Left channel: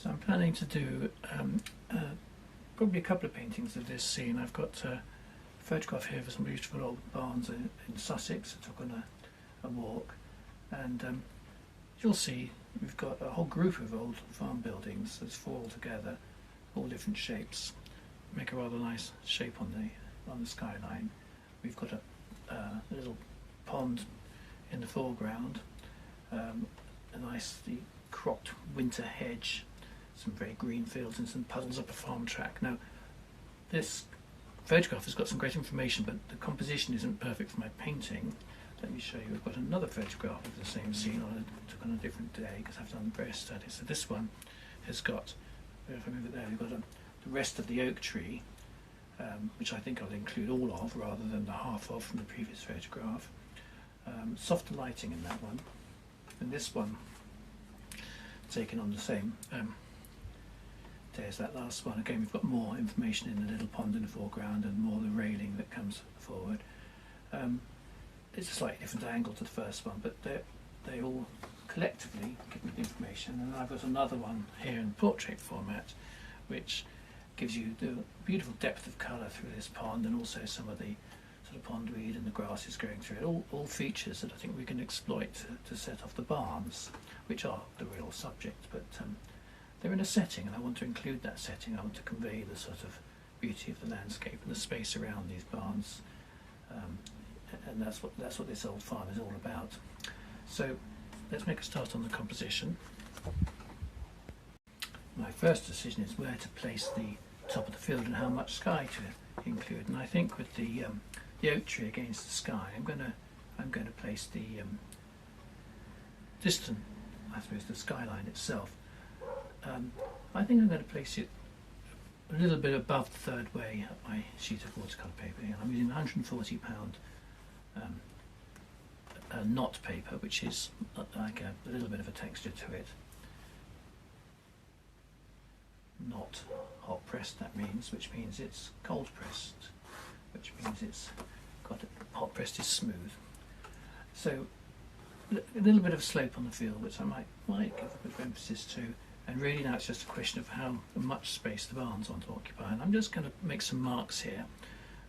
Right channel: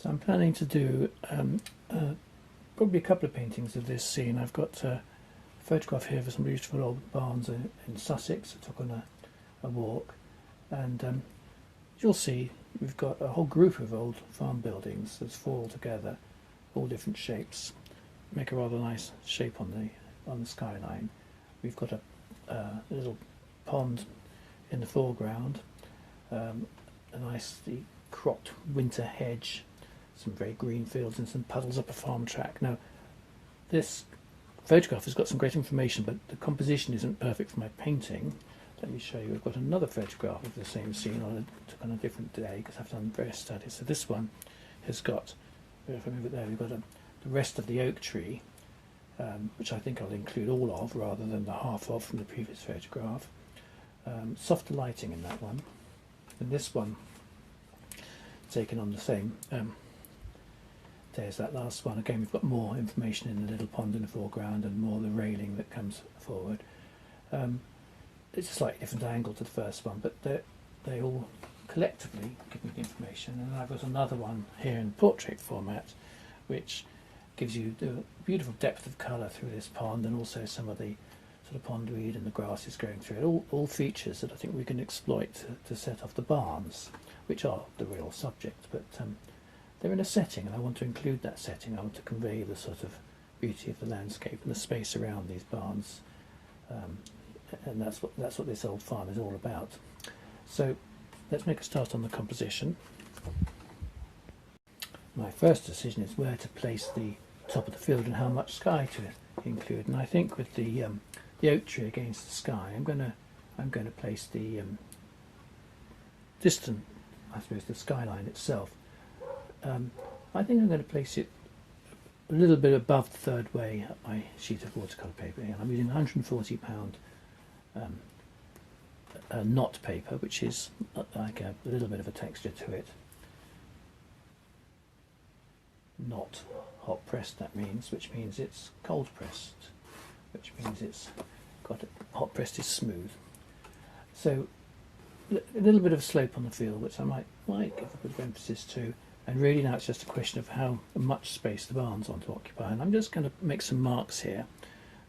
So I'm planning to do probably a couple of paintings of this scene. I've got a photograph here of some beautiful old barns in Sussex. I took on a walk, and you'll see we've got a whole group of old farm buildings. There's 4 altogether, all different shapes. Make a rather nice shape on the skyline. We've got a little pond in the foreground, a nicely cropped winter hedge, some very green fields and some puddles up a farm track. Now, this photograph has got some great information, but the composition isn't perfect for my painting. Let me show you. I've got another photograph of the same scene took on a different day because I've done various studies. So this one has got, if I move it there, we've got the rest of the oak tree, which I think I'll include all of rather than the half of from the previous photograph. Softer lighting in that one, and this one taken on the same day as that last one. Again, we've got more information in the little pond in the foreground and more the railing that comes forward. It's a slightly different angle to the first one, but they all collectively give me the information. And I've got another one here in portrait format, which gives you the beautiful depth of colour through this pond, and also some of the sort of pondweed and the grasses going through it. All features that I think we can exploit to set off the barns, which are the real subject, but they're in a setting, and I want to include that setting. I want to convey the sort of beauty of the landscape and the space around these barns, and that's what this old farm is all about. So let's make a start on the composition. My first decision is where to place the top of the field and how much sky to include, and I think with the oak tree against the sky, I'm going to place the distant, I suppose, the skyline itself. I think I'm going to place it a little bit above the third way up my sheet of watercolour paper. I'm using £140 knot paper, which is like a little bit of a texture to it. Not hot pressed, that means, which means it's cold pressed, which means it's got hot pressed is smooth. So a little bit of slope on the field, which I might give a bit of emphasis to. And really now it's just a question of how much space the barns want to occupy. And I'm just going to make some marks here.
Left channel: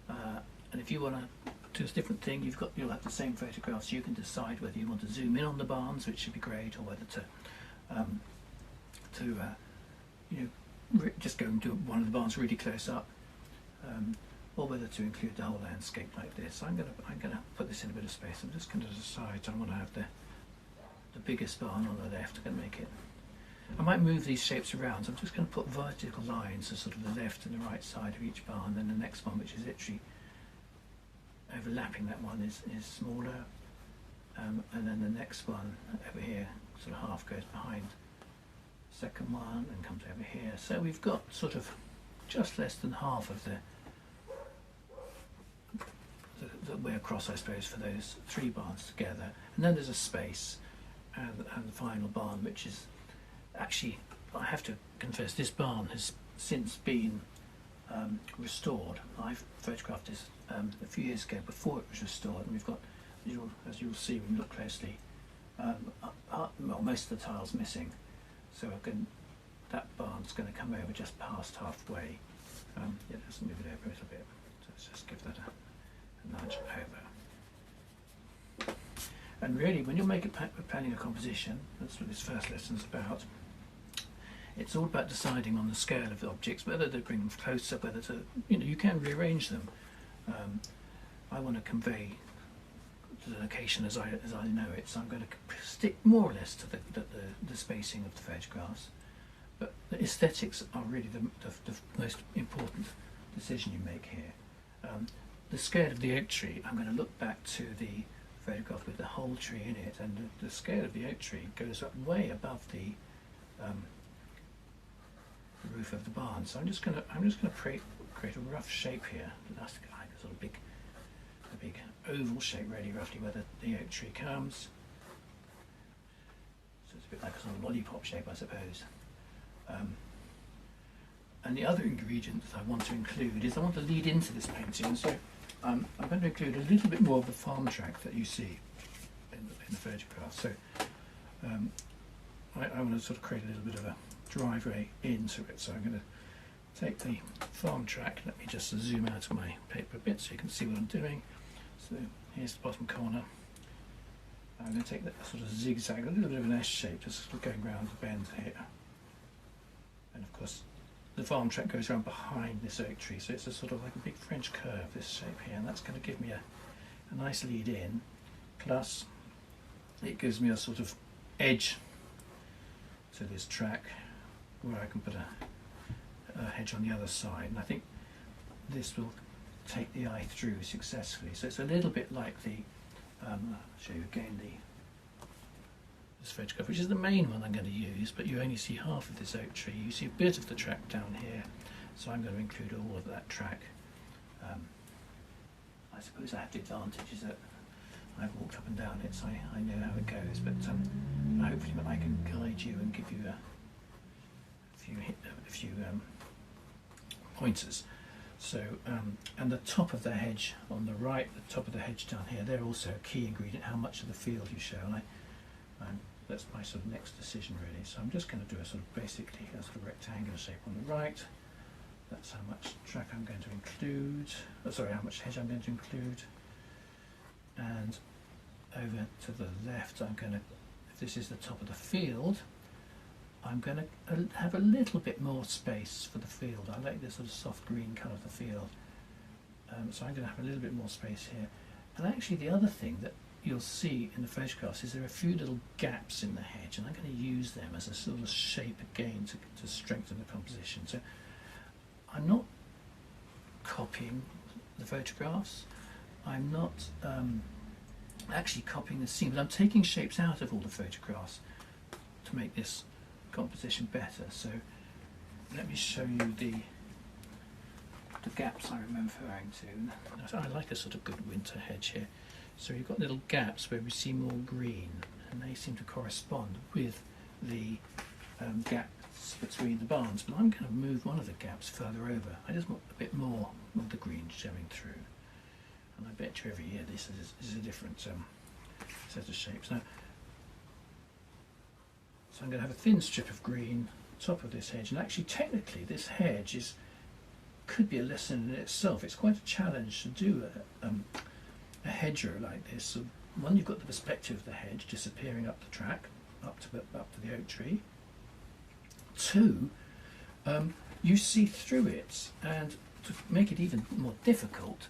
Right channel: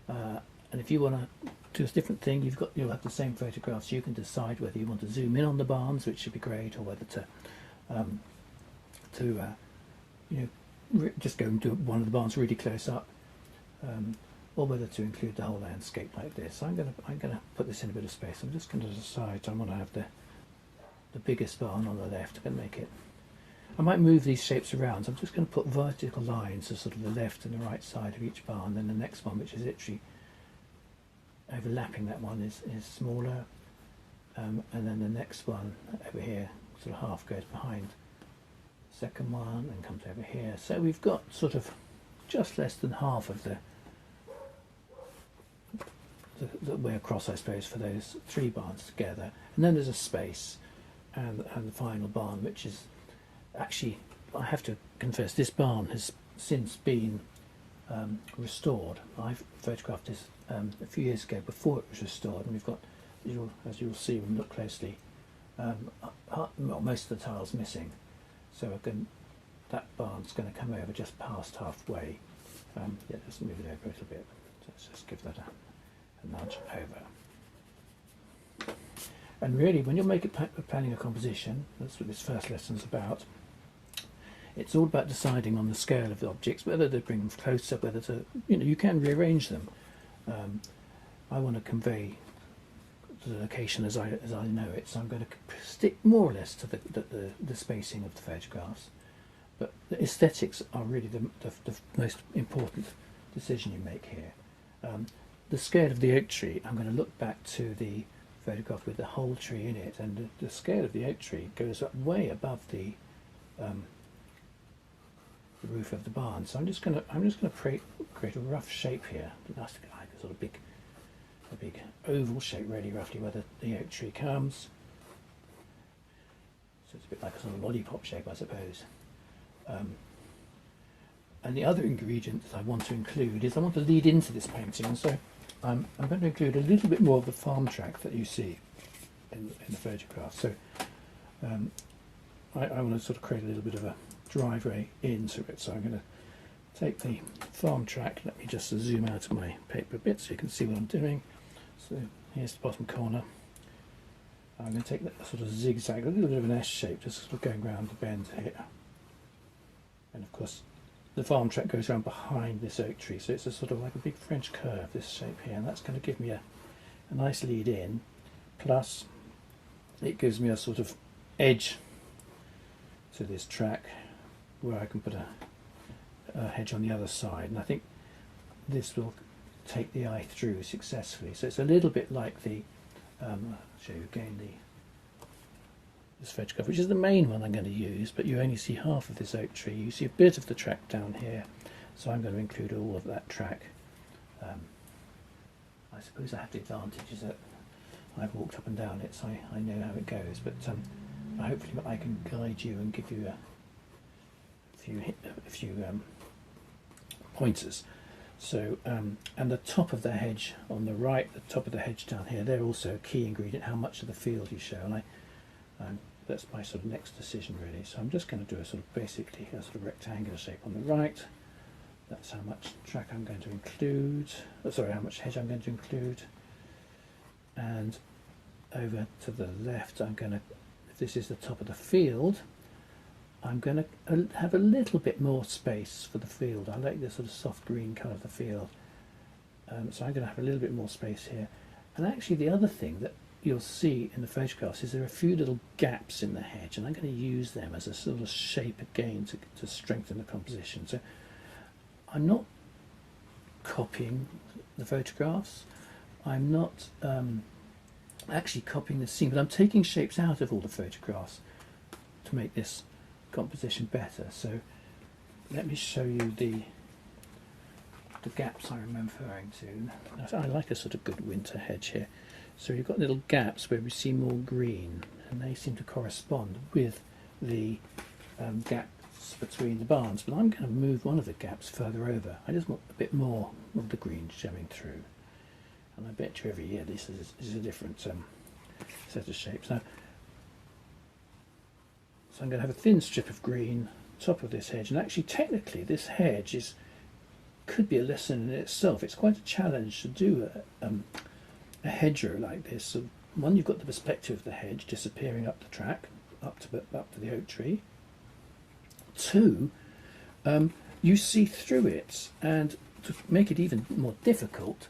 And if you want to do a different thing, you'll have the same photographs. You can decide whether you want to zoom in on the barns, which would be great, or whether to just go and do one of the barns really close up, or whether to include the whole landscape like this. I'm going to put this in a bit of space. I'm just going to decide I want to have the biggest barn on the left. I'm going to make it. I might move these shapes around. So I'm just going to put vertical lines as sort of the left and the right side of each barn. Then the next one, which is literally overlapping that one, is smaller, and then the next one over here sort of half goes behind the second one and comes over here. So we've got sort of just less than half of the way across, I suppose, for those 3 barns together. And then there's a space, and the final barn, which is actually, I have to confess, this barn has since been restored. I photographed this a few years ago before it was restored, and we've got, as you'll see when you look closely, most of the tiles missing. So that barn's going to come over just past halfway. Let's move it over a little bit. So let's just give that a nudge over. And really, when you're planning a composition, that's what this first lesson's about. It's all about deciding on the scale of the objects, whether to bring them closer, whether to, you can rearrange them. I want to convey the location as I know it, so I'm going to stick more or less to the spacing of the photographs. But the aesthetics are really the most important decision you make here. The scale of the oak tree, I'm going to look back to the photograph with the whole tree in it, and the scale of the oak tree goes up way above the roof of the barn. So I'm just going to create a rough shape here. That's like a sort of a big oval shape, really roughly, where the oak tree comes. So it's a bit like a sort of lollipop shape, I suppose. And the other ingredient that I want to include is I want to lead into this painting, and so I'm going to include a little bit more of the farm track that you see in the photograph. So I want to sort of create a little bit of driveway into it. So I'm going to take the farm track. Let me just zoom out of my paper a bit so you can see what I'm doing. So here's the bottom corner. I'm going to take that sort of zigzag, a little bit of an S shape, just sort of going around the bend here. And of course, the farm track goes around behind this oak tree, so it's a sort of like a big French curve, this shape here, and that's going to give me a nice lead in. Plus, it gives me a sort of edge to this track where I can put a hedge on the other side, and I think this will take the eye through successfully. So it's a little bit like the I'll show you again this photograph, which is the main one I'm going to use, but you only see half of this oak tree. You see a bit of the track down here, so I'm going to include all of that track. I suppose I have the advantage is that I've walked up and down it, so I know how it goes, but hopefully I can guide you and give you a few pointers. So, and the top of the hedge on the right, the top of the hedge down here, they're also a key ingredient, how much of the field you show, and that's my sort of next decision really. So I'm just going to do a sort of basically a sort of rectangular shape on the right. That's how much track I'm going to include, how much hedge I'm going to include. And over to the left, I'm going to, if this is the top of the field, I'm going to have a little bit more space for the field. I like the sort of soft green colour of the field. So I'm going to have a little bit more space here. And actually the other thing that you'll see in the photographs is there are a few little gaps in the hedge, and I'm going to use them as a sort of shape again to strengthen the composition. So I'm not copying the photographs. I'm not actually copying the scene, but I'm taking shapes out of all the photographs to make this composition better. So let me show you the gaps I'm referring to. I like a sort of good winter hedge here. So you've got little gaps where we see more green, and they seem to correspond with the gaps between the barns. But I'm going to move one of the gaps further over. I just want a bit more of the green showing through. And I bet you every year this is a different set of shapes. Now, so I'm going to have a thin strip of green top of this hedge, and actually technically this hedge could be a lesson in itself. It's quite a challenge to do a hedgerow like this. So one, you've got the perspective of the hedge disappearing up the track, up to the oak tree. Two, you see through it, and to make it even more difficult,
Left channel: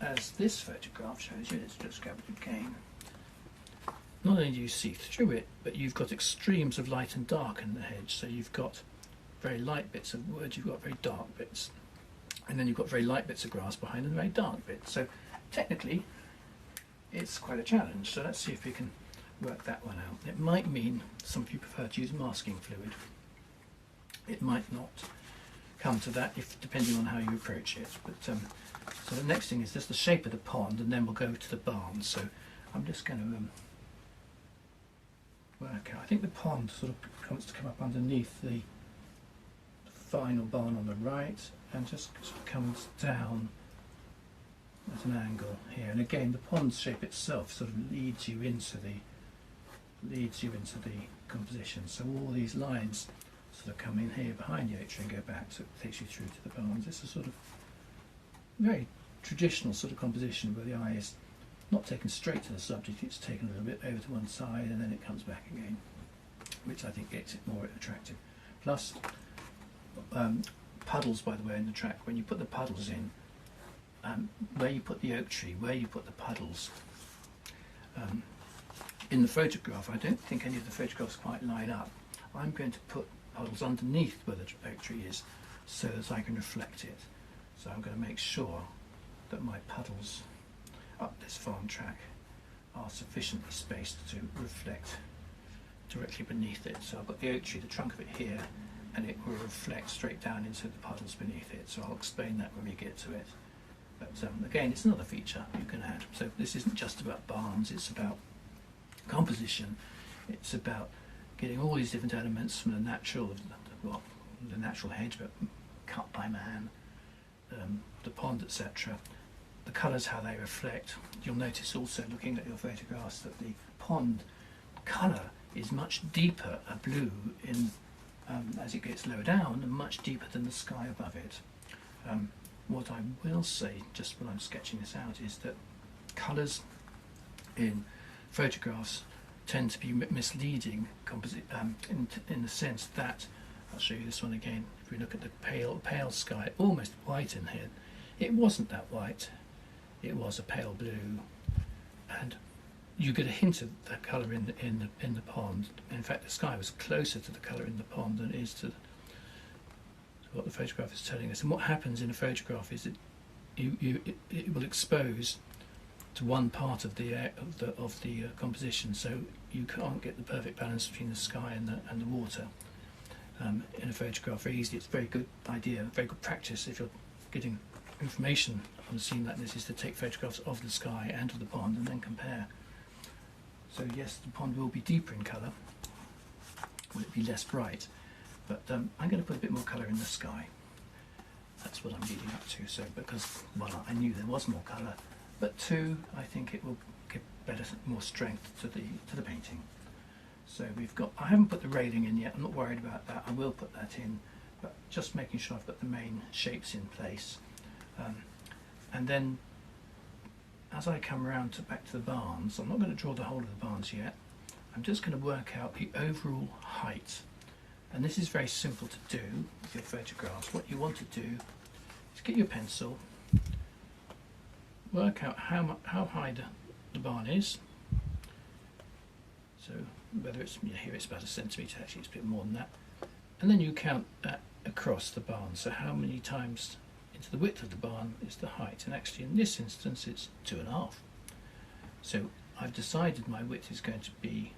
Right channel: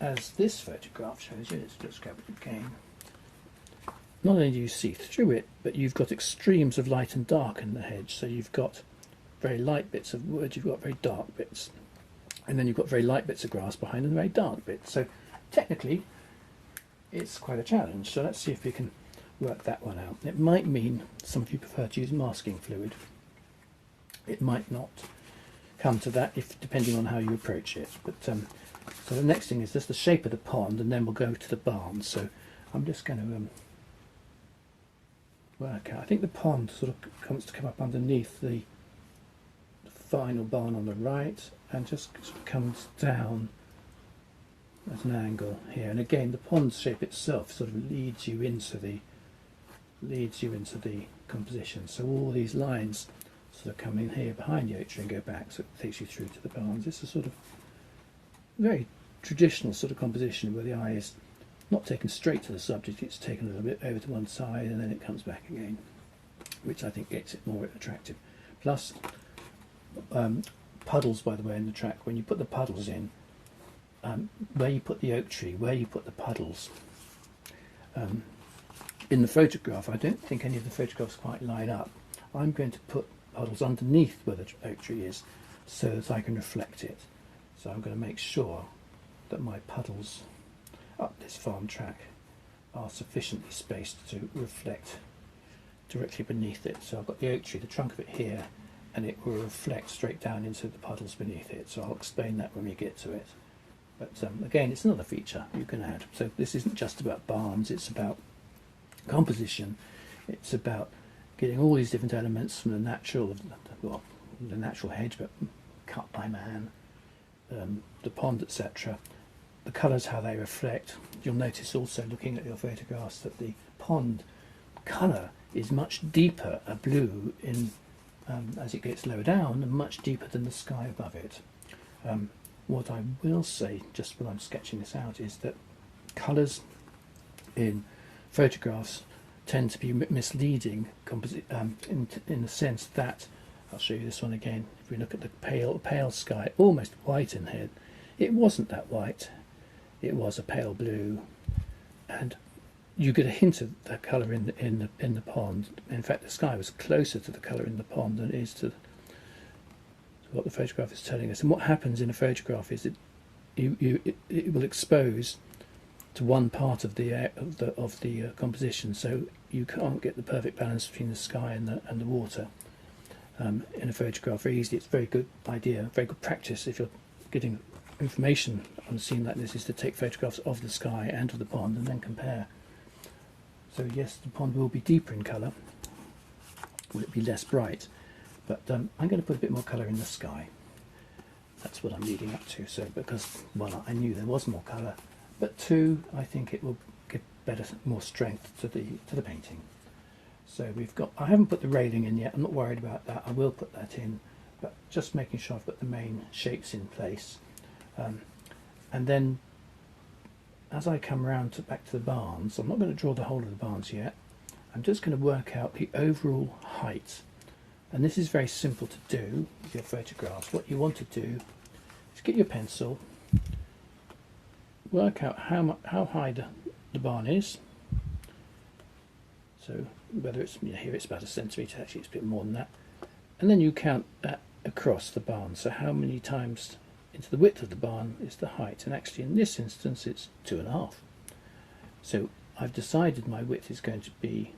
as this photograph shows you, let's just grab it again. Not only do you see through it, but you've got extremes of light and dark in the hedge. So you've got very light bits of wood, you've got very dark bits, and then you've got very light bits of grass behind and very dark bits. So technically, it's quite a challenge. So let's see if we can work that one out. It might mean some of you prefer to use masking fluid. It might not come to that, depending on how you approach it. But so the next thing is just the shape of the pond, and then we'll go to the barn. So I'm just going to work out. I think the pond sort of comes to come up underneath the final barn on the right, and just sort of comes down at an angle here. And again, the pond shape itself sort of leads you into the composition. So all these lines sort of come in here behind the oak tree and go back, so it takes you through to the barns. It's a sort of very traditional sort of composition where the eye is not taken straight to the subject, it's taken a little bit over to one side and then it comes back again, which I think makes it more attractive. Plus, puddles, by the way, in the track, when you put the puddles in, where you put the oak tree, where you put the puddles, in the photograph, I don't think any of the photographs quite line up. I'm going to put puddles underneath where the oak tree is so that I can reflect it. So I'm going to make sure that my puddles up this farm track are sufficiently spaced to reflect directly beneath it. So I've got the oak tree, the trunk of it here, and it will reflect straight down into the puddles beneath it. So I'll explain that when we get to it. But again, it's another feature you can add. So this isn't just about barns, it's about composition. It's about getting all these different elements from the natural hedge, but cut by man, the pond, etc. The colours, how they reflect. You'll notice also, looking at your photographs, that the pond colour is much deeper a blue in as it gets lower down and much deeper than the sky above it. What I will say, just when I'm sketching this out, is that colours in photographs tend to be misleading in the sense that, I'll show you this one again, if we look at the pale sky, almost white in here, it wasn't that white, it was a pale blue, and you get a hint of the colour in the pond. In fact, the sky was closer to the colour in the pond than it is to what the photograph is telling us. And what happens in a photograph is it will expose to one part of the composition, so you can't get the perfect balance between the sky and the water in a photograph very easily. It's a very good idea, very good practice if you're getting information on a scene like this, is to take photographs of the sky and of the pond and then compare. So yes, the pond will be deeper in colour, will it be less bright, but I'm going to put a bit more colour in the sky. That's what I'm leading up to. So because, one, I knew there was more colour, but two, I think it will give more strength to the painting. So I haven't put the railing in yet. I'm not worried about that. I will put that in, but just making sure I've got the main shapes in place. And then, as I come round back to the barns, I'm not going to draw the whole of the barns yet. I'm just going to work out the overall height. And this is very simple to do with your photographs. What you want to do is get your pencil, work out how high the barn is. So whether it's here, it's about 1 centimetre. Actually, it's a bit more than that. And then you count that across the barn. So how many times into the width of the barn is the height? And actually, in this instance, it's 2.5. So I've decided my width is going to be,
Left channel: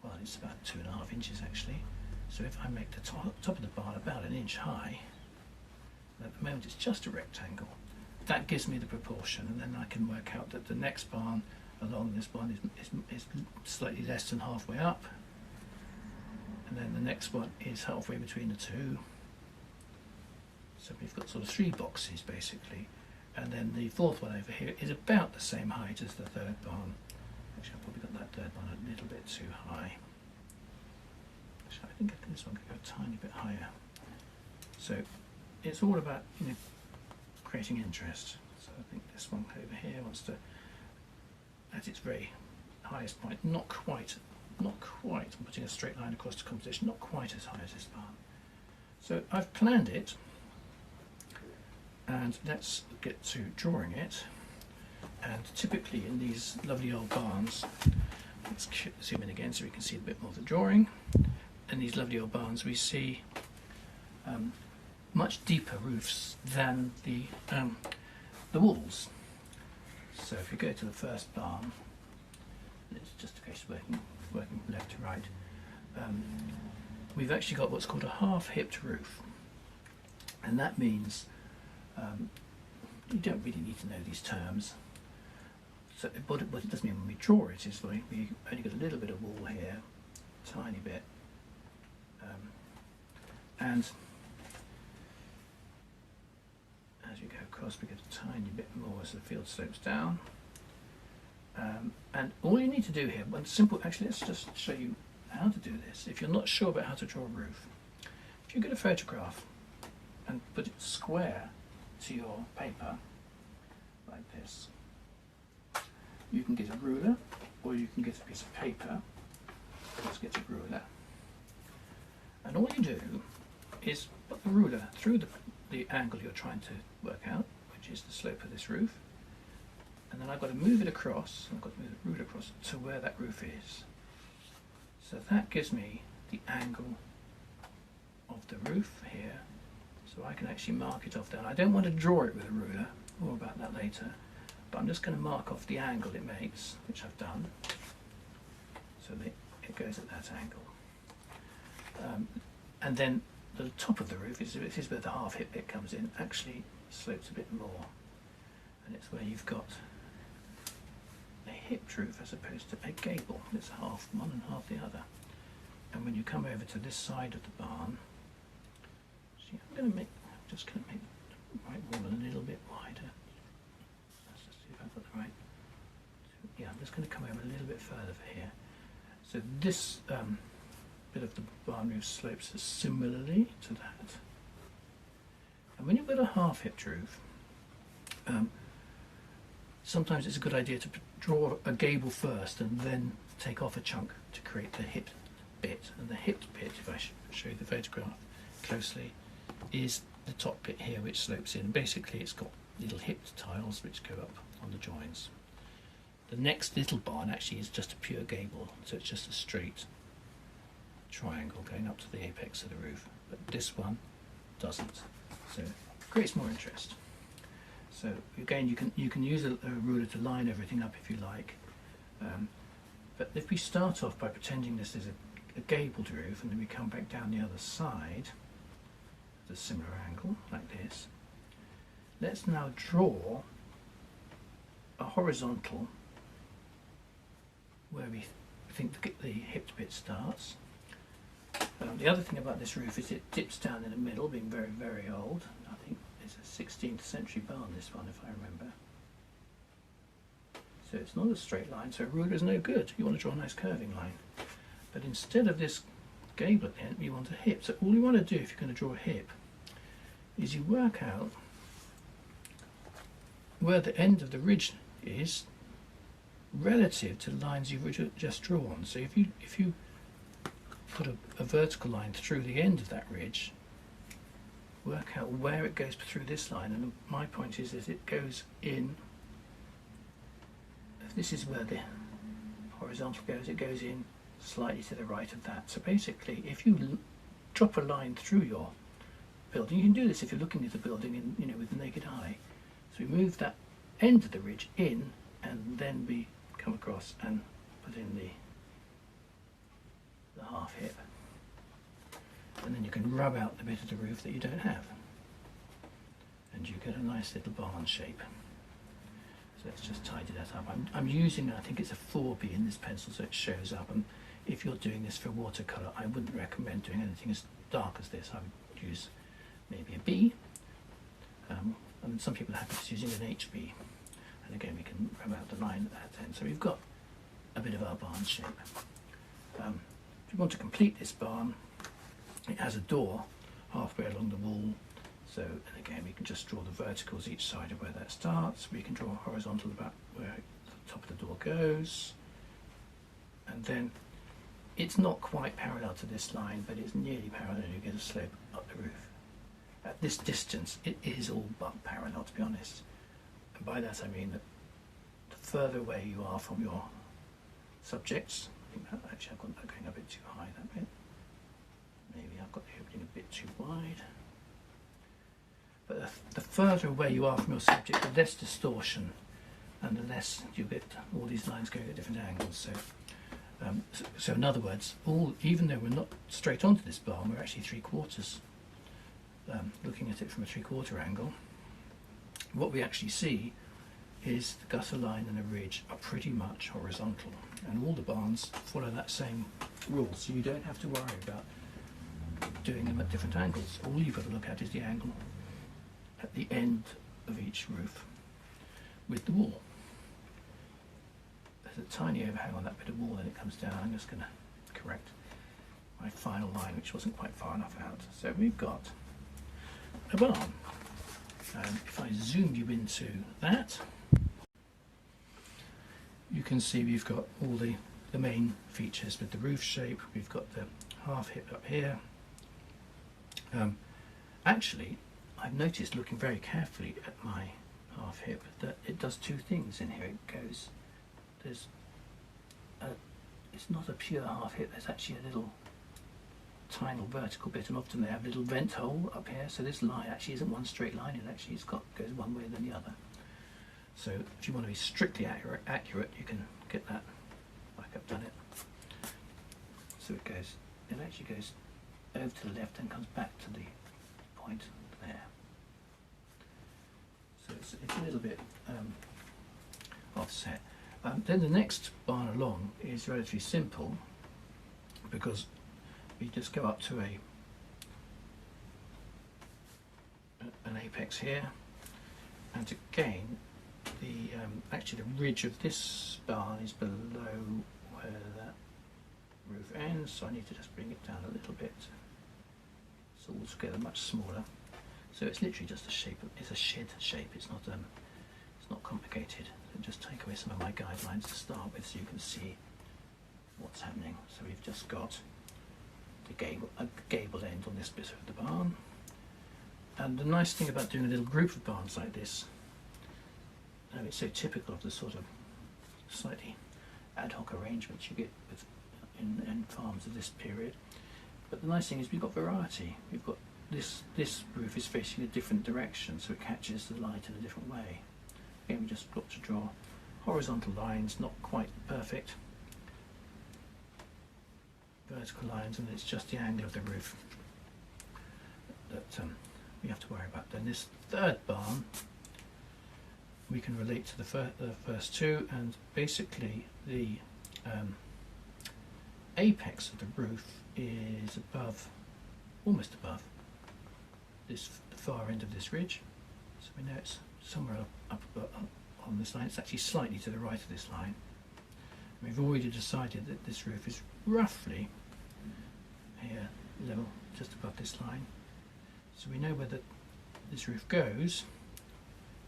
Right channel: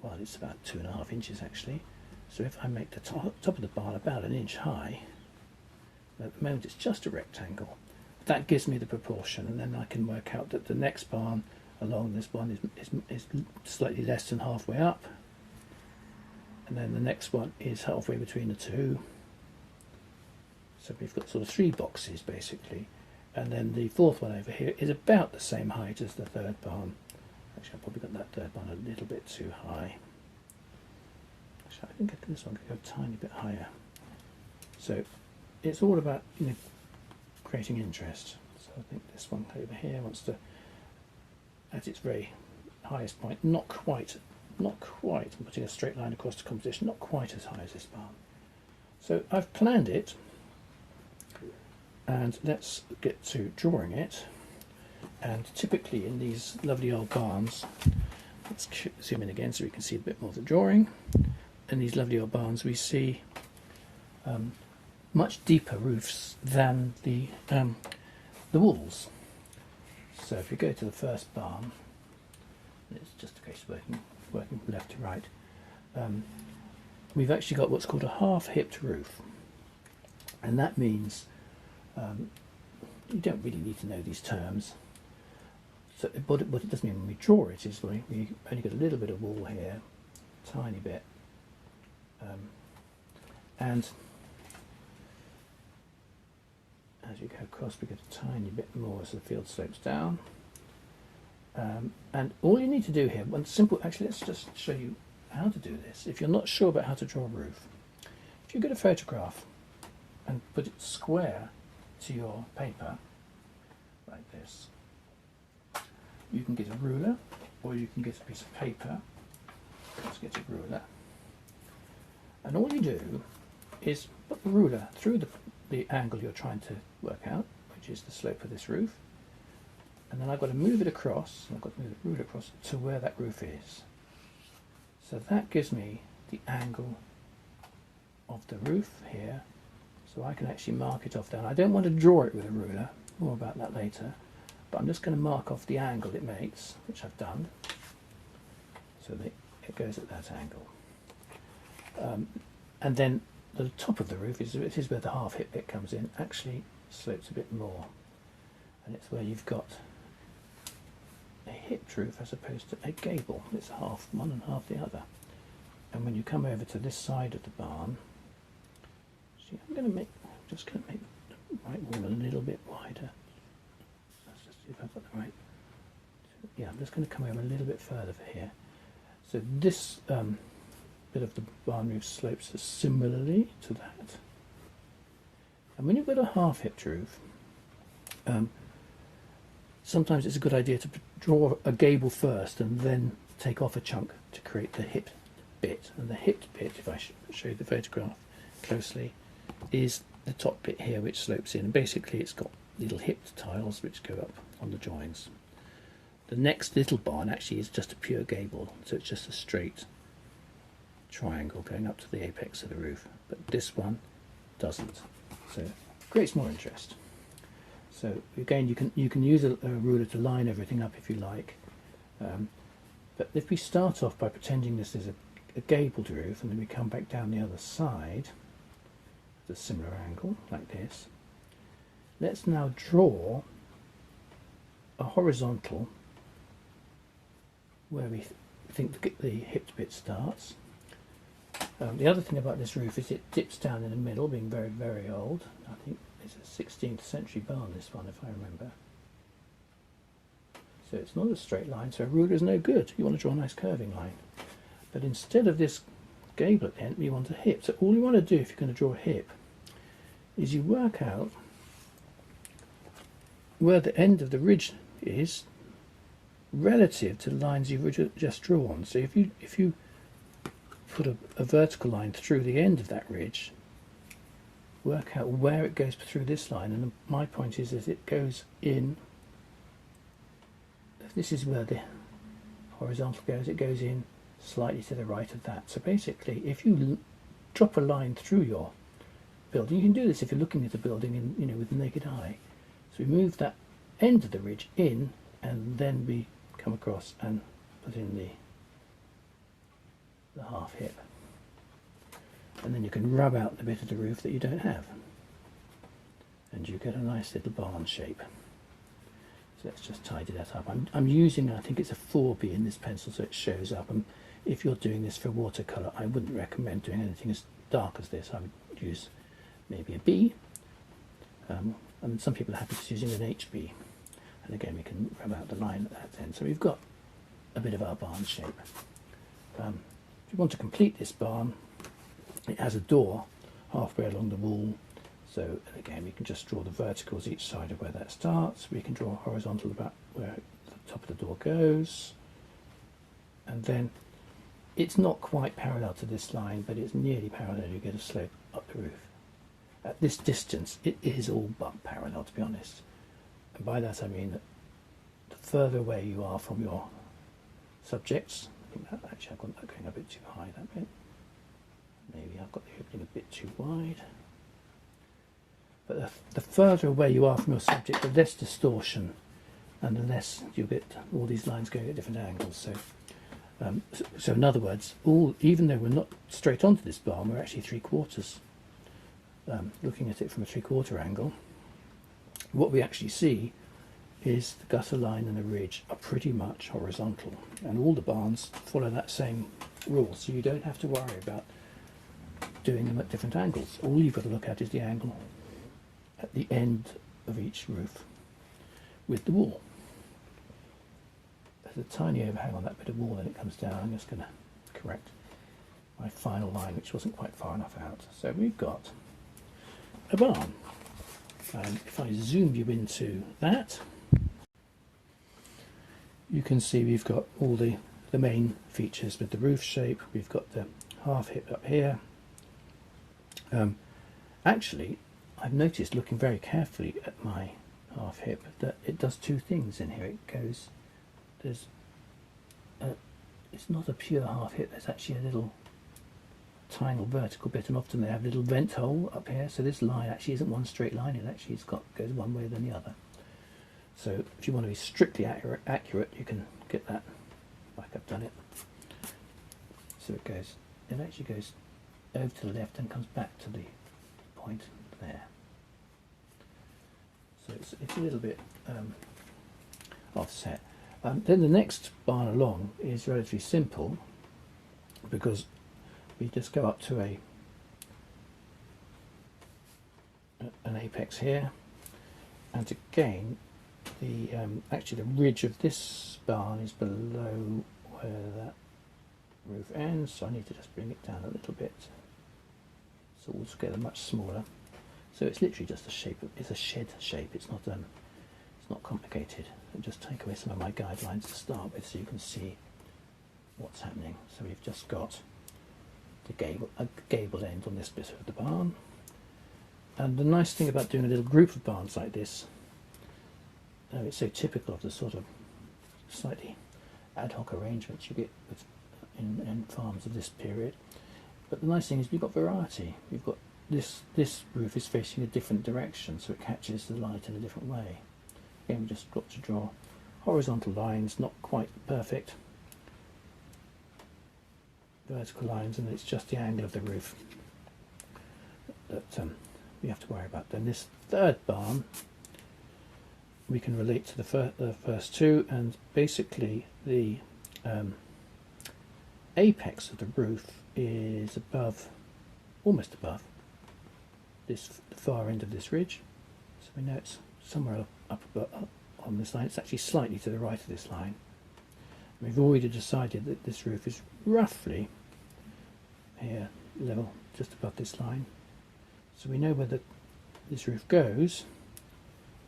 well, it's about 2.5 inches actually. So if I make the top of the barn about 1 inch high, at the moment it's just a rectangle, that gives me the proportion, and then I can work out that the next barn along this one is slightly less than halfway up, and then the next one is halfway between the two. So we've got sort of 3 boxes basically, and then the fourth one over here is about the same height as the third barn. Actually, I've probably got that third one a little bit too high. Actually, I think this one could go a tiny bit higher. So it's all about creating interest. So I think this one over here wants to, at its very highest point, not quite, I'm putting a straight line across the composition, not quite as high as this barn. So I've planned it, and let's get to drawing it. And typically in these lovely old barns, let's zoom in again so we can see a bit more of the drawing. In these lovely old barns we see much deeper roofs than the walls. So if you go to the first barn, and it's just a case of working from left to right, we've actually got what's called a half-hipped roof, and that means you don't really need to know these terms. So, what it does mean when we draw it is we only got a little bit of wall here, tiny bit, and as you go across we get a tiny bit more as the field slopes down. And all you need to do here, one simple, actually let's just show you how to do this. If you're not sure about how to draw a roof, if you get a photograph and put it square to your paper, like this, you can get a ruler, or you can get a piece of paper. Let's get a ruler. And all you do is put the ruler through the angle you're trying to work out, which is the slope of this roof. And then I've got to move it across, I've got to move the ruler across to where that roof is. So that gives me the angle of the roof here, so I can actually mark it off down. I don't want to draw it with a ruler, more about that later, but I'm just going to mark off the angle it makes, which I've done, so that it goes at that angle. And then the top of the roof is where the half-hip bit comes in, actually slopes a bit more, and it's where you've got a hipped roof as opposed to a gable. It's half one and half the other. And when you come over to this side of the barn, see, I'm just going to make the right wall a little bit wider. Let's just see if I've got the right. Yeah, I'm just going to come over a little bit further for here. So this bit of the barn roof slopes similarly to that. And when you've got a half-hipped roof, sometimes it's a good idea to draw a gable first and then take off a chunk to create the hipped bit. And the hipped bit, if I show you the photograph closely, is the top bit here which slopes in. And basically it's got little hipped tiles which go up on the joins. The next little barn actually is just a pure gable, so it's just a straight triangle going up to the apex of the roof. But this one doesn't, so it creates more interest. So again, you can use a ruler to line everything up if you like. But if we start off by pretending this is a gabled roof, and then we come back down the other side at a similar angle like this, let's now draw a horizontal where we think the hipped bit starts. The other thing about this roof is it dips down in the middle, being very, very old. I think it's a 16th century barn, this one, if I remember. So it's not a straight line, so a ruler is no good. You want to draw a nice curving line. But instead of this gable at the end, you want a hip. So all you want to do if you're going to draw a hip is you work out where the end of the ridge is relative to the lines you've just drawn. So if you put a vertical line through the end of that ridge, work out where it goes through this line, and my point is it goes in, if this is where the horizontal goes, it goes in slightly to the right of that. So basically, if you drop a line through your building, you can do this if you're looking at the building and with the naked eye. So we move that end of the ridge in, and then we come across and put in the half hip, and then you can rub out the bit of the roof that you don't have, and you get a nice little barn shape. So let's just tidy that up. I'm using, I think it's a 4B in this pencil, so it shows up, and if you're doing this for watercolour, I wouldn't recommend doing anything as dark as this. I would use maybe a B, and some people are happy just using an HB, and again we can rub out the line at that end. So we've got a bit of our barn shape. If you want to complete this barn, it has a door halfway along the wall, so again we can just draw the verticals each side of where that starts. We can draw a horizontal about where the top of the door goes, and then it's not quite parallel to this line, but it's nearly parallel. You get a slope up the roof. At this distance it is all but parallel, to be honest, and by that I mean that the further away you are from your subjects, actually I've got that going a bit too high, that bit. Maybe I've got the opening a bit too wide. But the further away you are from your subject, the less distortion, and the less you get all these lines going at different angles. So in other words, even though we're not straight onto this barn, we're actually 3/4. Looking at it from a 3/4 angle, what we actually see is the gutter line and the ridge are pretty much horizontal, and all the barns follow that same rule, so you don't have to worry about doing them at different angles. All you've got to look at is the angle at the end of each roof with the wall. There's a tiny overhang on that bit of wall, and it comes down. I'm just going to correct my final line, which wasn't quite far enough out. So we've got a barn, and if I zoom you into that, you can see we've got all the main features with the roof shape. We've got the half hip up here. Actually, I've noticed, looking very carefully at my half hip, that it does two things in here. It goes, it's not a pure half hip, there's actually a little tiny vertical bit, and often they have a little vent hole up here, so this line actually isn't one straight line, it actually goes one way than the other. So if you want to be strictly accurate, you can get that like I've done it. So it actually goes over to the left and comes back to the point there. So it's a little bit offset. Then the next barn along is relatively simple, because we just go up to an apex here, and again actually the ridge of this barn is below where that roof ends, so I need to just bring it down a little bit so altogether much smaller. So it's literally just a shape. It's a shed shape. It's not complicated. So just take away some of my guidelines to start with, so you can see what's happening. So we've just got a gable end on this bit of the barn, and the nice thing about doing a little group of barns like this, it's so typical of the sort of slightly ad hoc arrangements you get in farms of this period. But the nice thing is we've got variety. We've got this roof is facing a different direction, so it catches the light in a different way. Again, we just got to draw horizontal lines, not quite perfect, vertical lines, and it's just the angle of the roof that we have to worry about. Then this third barn, we can relate to the first two, and basically the apex of the roof is almost above the far end of this ridge. So we know it's somewhere up on this line. It's actually slightly to the right of this line. We've already decided that this roof is roughly here, level, just above this line. So we know where this roof goes.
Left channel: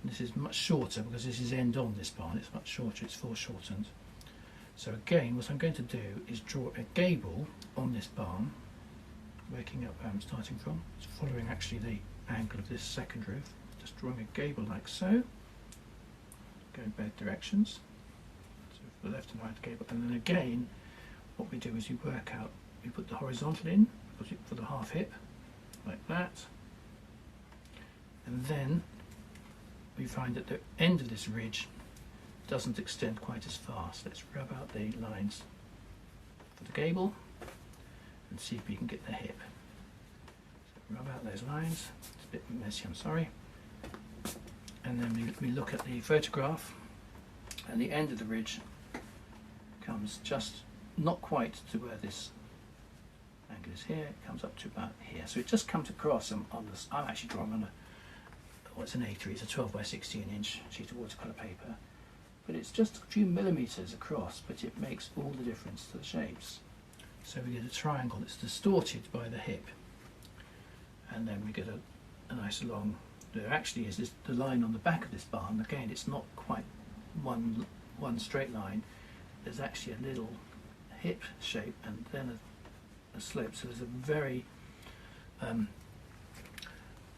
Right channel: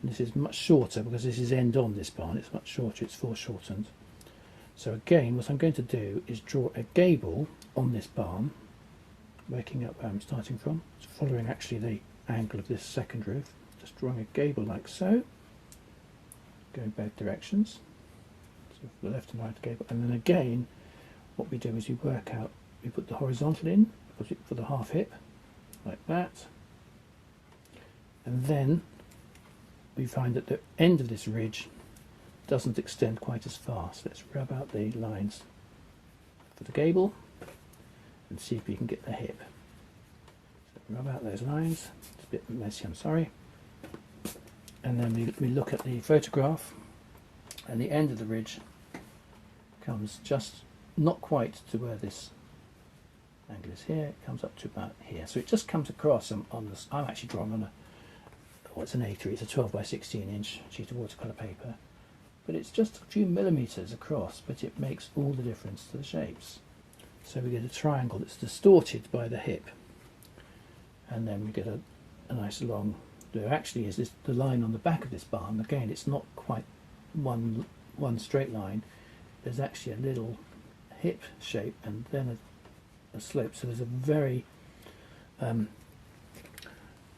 And this is much shorter because this is end on this barn. It's much shorter, it's foreshortened. So again, what I'm going to do is draw a gable on this barn, working out where I'm starting from, so following actually the angle of this second roof, just drawing a gable like so, going both directions, so for the left and right gable, and then again what we do is you work out, you put the horizontal in for the half hip, like that, and then we find that the end of this ridge doesn't extend quite as far, so let's rub out the lines for the gable and see if we can get the hip. So rub out those lines. It's a bit messy, I'm sorry. And then we look at the photograph, and the end of the ridge comes just not quite to where this angle is here. It comes up to about here. So it just comes across on this. I'm actually drawing on it's an A3. It's a 12 by 16 inch sheet of watercolour paper. But it's just a few millimetres across, but it makes all the difference to the shapes. So we get a triangle that's distorted by the hip, and then we get a nice long. There actually is the line on the back of this barn. Again, it's not quite one straight line. There's actually a little hip shape and then a slope. So there's a very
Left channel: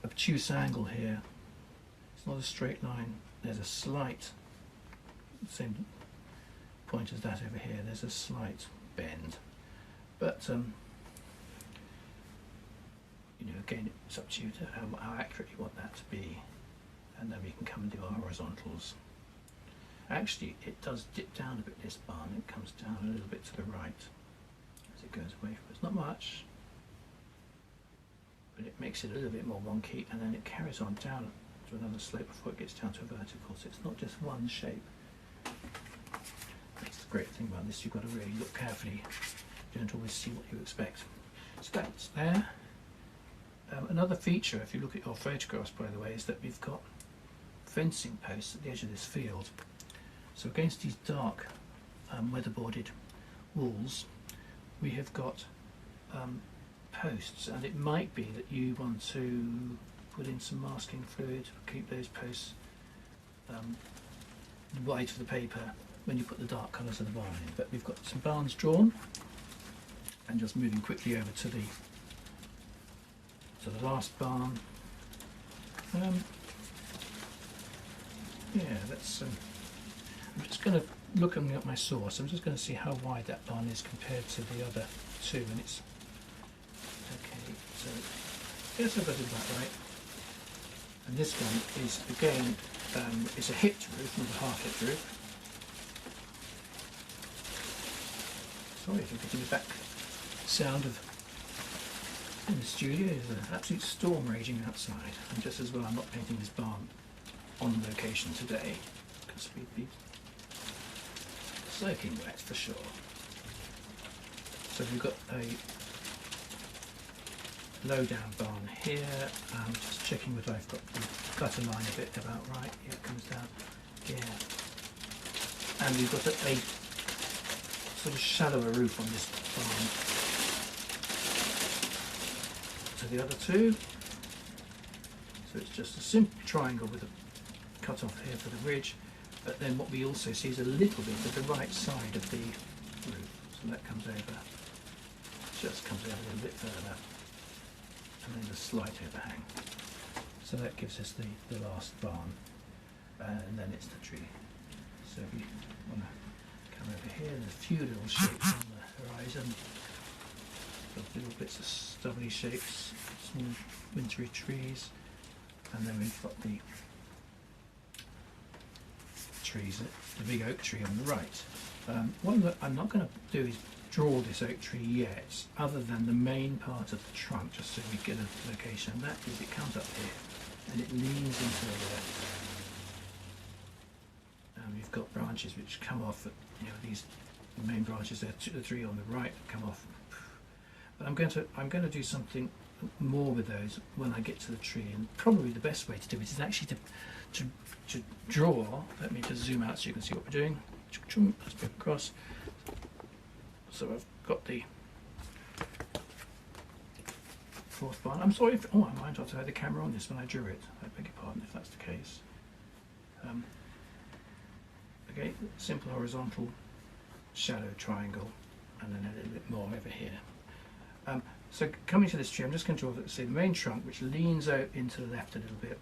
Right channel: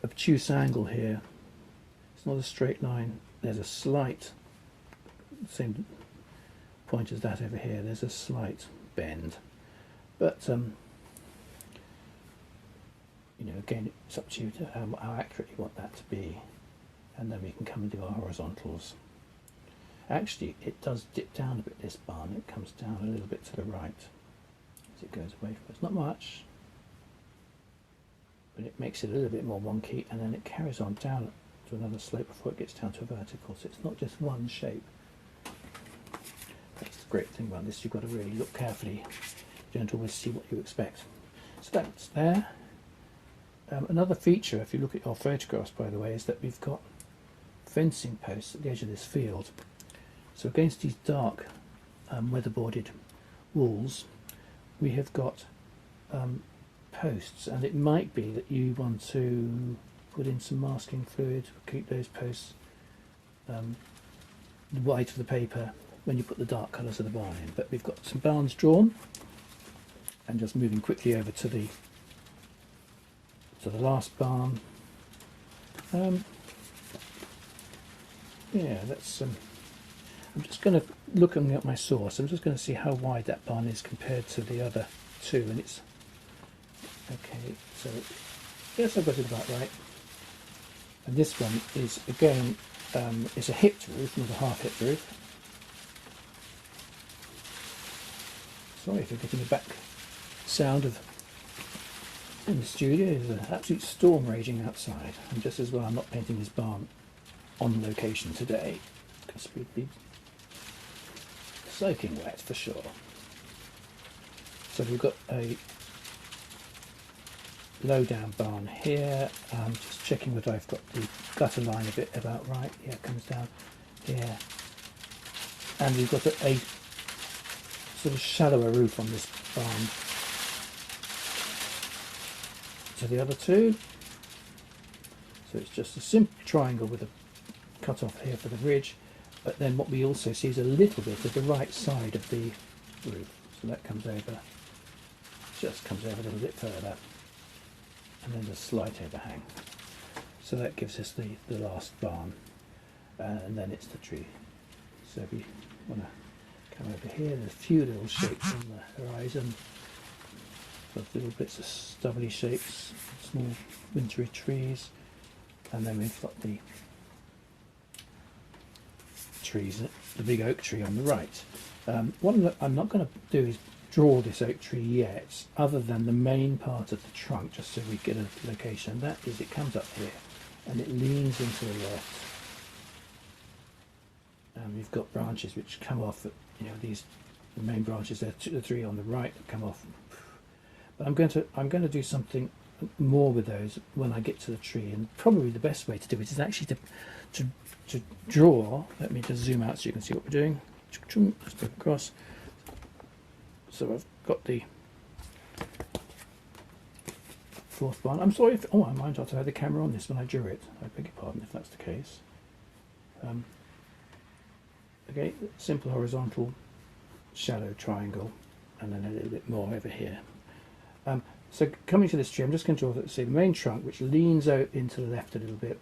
obtuse angle here. It's not a straight line. There's a slight, same point as that over here. There's a slight bend. But, again, it's up to you to how accurate you want that to be. And then we can come and do our horizontals. Actually, it does dip down a bit, this barn. It comes down a little bit to the right as it goes away from us. Not much, but it makes it a little bit more wonky, and then it carries on down to another slope before it gets down to a vertical. So it's not just one shape. That's the great thing about this. You've got to really look carefully. You don't always see what you expect. So that's there. Another feature, if you look at your photographs, by the way, is that we've got fencing posts at the edge of this field. So against these dark weatherboarded walls, we have got posts, and it might be that you want to put in some masking fluid, keep those posts white of the paper when you put the dark colours of the barn in. But we've got some barns drawn, and just moving quickly over to the last barn. That's. I'm just going to looking at my source. I'm just going to see how wide that barn is compared to the other two, and it's okay. So yes, I've got it about right. And this one is again is a hipped roof, not a half-hipped roof. Sorry if you're getting a back sound of in the studio. There's an absolute storm raging outside, and just as well I'm not painting this barn on location today, because we'd be soaking wet for sure. So we've got a low down barn here. Just checking whether I've got the gutter line a bit about right. Yeah, it comes down here, and we've got a sort of shallower roof on this barn to the other two. So it's just a simple triangle with a cut off here for the ridge, but then what we also see is a little bit of the right side of the roof. So that comes over, just comes over a little bit further, and then a slight overhang. So that gives us the last barn, and then it's the tree. So if we want to come over here, there's a few little shapes on the horizon, little bits of stubbly shapes, small wintry trees, and then we've got the trees, the big oak tree on the right. One that I'm not going to do is draw this oak tree yet, other than the main part of the trunk, just so we get a location. And that is, it comes up here and it leans into the left. And we've got branches which come off, these the main branches there, the three on the right that come off. But I'm going to do something more with those when I get to the tree, and probably the best way to do it is actually to draw. Let me just zoom out so you can see what we're doing. Let's go across. So I've got the fourth barn. I'm sorry if, I might not have had the camera on this when I drew it. I beg your pardon if that's the case. Okay, simple horizontal shadow triangle, and then a little bit more over here. So coming to this tree, I'm just going to draw the main trunk, which leans out into the left a little bit,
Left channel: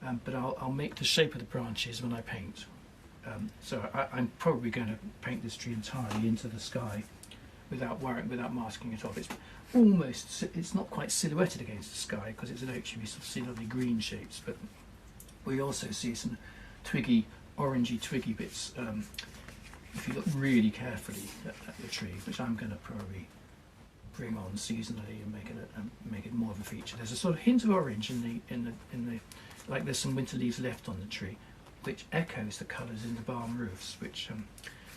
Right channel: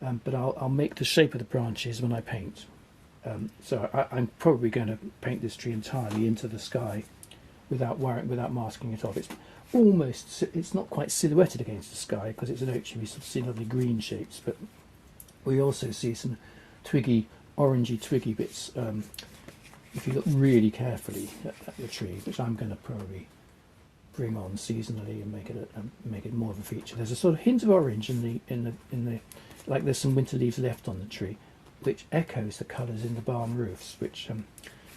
but I'll make the shape of the branches when I paint. So I'm probably going to paint this tree entirely into the sky without masking it off. It's not quite silhouetted against the sky because it's an oak tree. We sort of see lovely green shapes, but we also see some orangey twiggy bits if you look really carefully at the tree, which I'm going to probably bring on seasonally and make it more of a feature. There's a sort of hint of orange in the like there's some winter leaves left on the tree, which echoes the colours in the barn roofs. Which,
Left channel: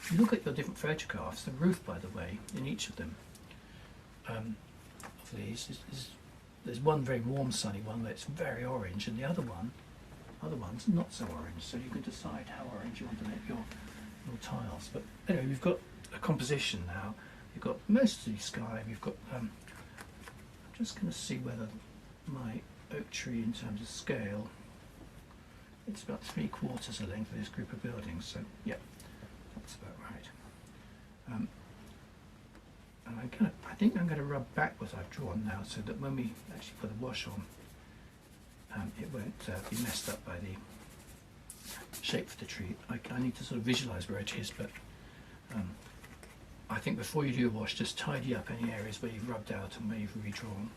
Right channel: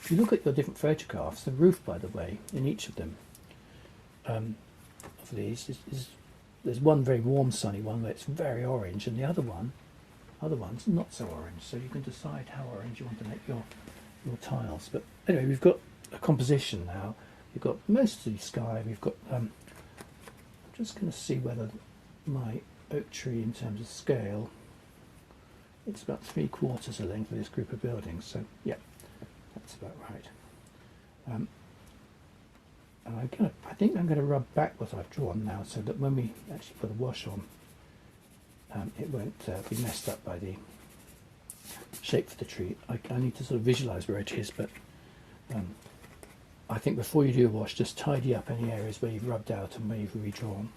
if you look at your different photographs, the roof, by the way, in each of them of these there's one very warm, sunny one where it's very orange, and the other one's not so orange. So you can decide how orange you want to make your tiles. But anyway, we've got a composition now. We've got mostly sky. We've got. I'm just going to see whether my oak tree, in terms of scale, it's about 3/4 the length of this group of buildings. So yeah, that's about right. And I think I'm going to rub back what I've drawn now, so that when we actually put a wash on, it won't be messed up by the shape of the tree. I need to sort of visualise where it is, but I think before you do a wash, just tidy up any areas where you've rubbed out and where you've redrawn,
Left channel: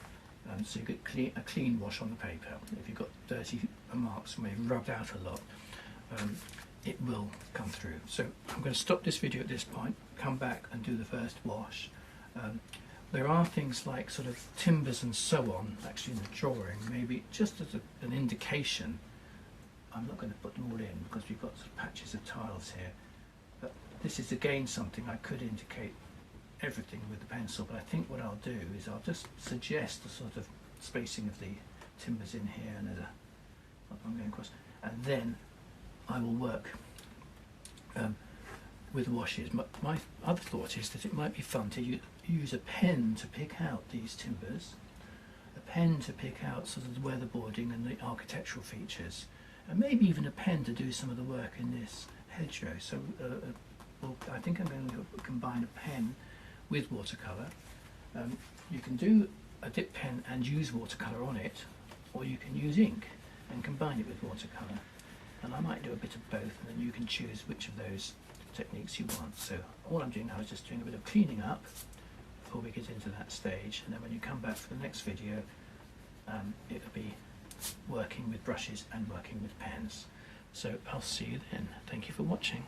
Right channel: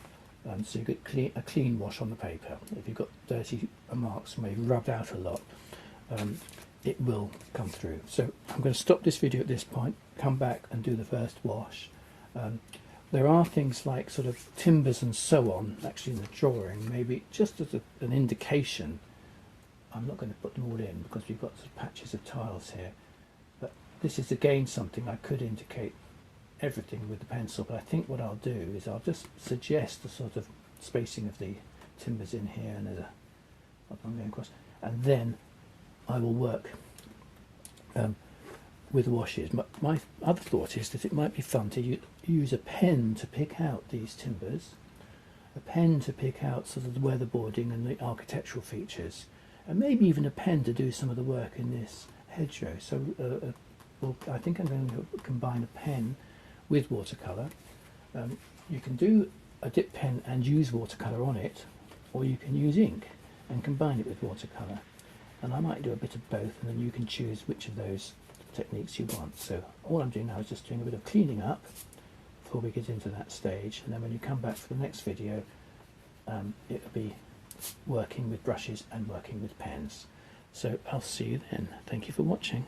so you get a clean wash on the paper. If you've got dirty marks where you've rubbed out a lot, it will come through. So I'm going to stop this video at this point, come back and do the first wash. There are things like sort of timbers and so on actually in the drawing, maybe just as an indication. I'm not going to put them all in because we've got sort of patches of tiles here. But this is again something I could indicate everything with the pencil, but I think what I'll do is I'll just suggest the sort of spacing of the timbers in here and I'm going across, and then I will work with washes. My other thought is that it might be fun to use a pen to pick out these timbers, a pen to pick out sort of the weatherboarding and the architectural features, and maybe even a pen to do some of the work in this hedgerow. So I think I'm going to combine a pen with watercolour. You can do a dip pen and use watercolour on it, or you can use ink and combine it with watercolour. And I might do a bit of both, and then you can choose which of those techniques you want. So all I'm doing now is just doing a bit of cleaning up before we get into that stage, and then when you come back for the next video, it'll be working with brushes and working with pens. So I'll see you then. Thank you for watching.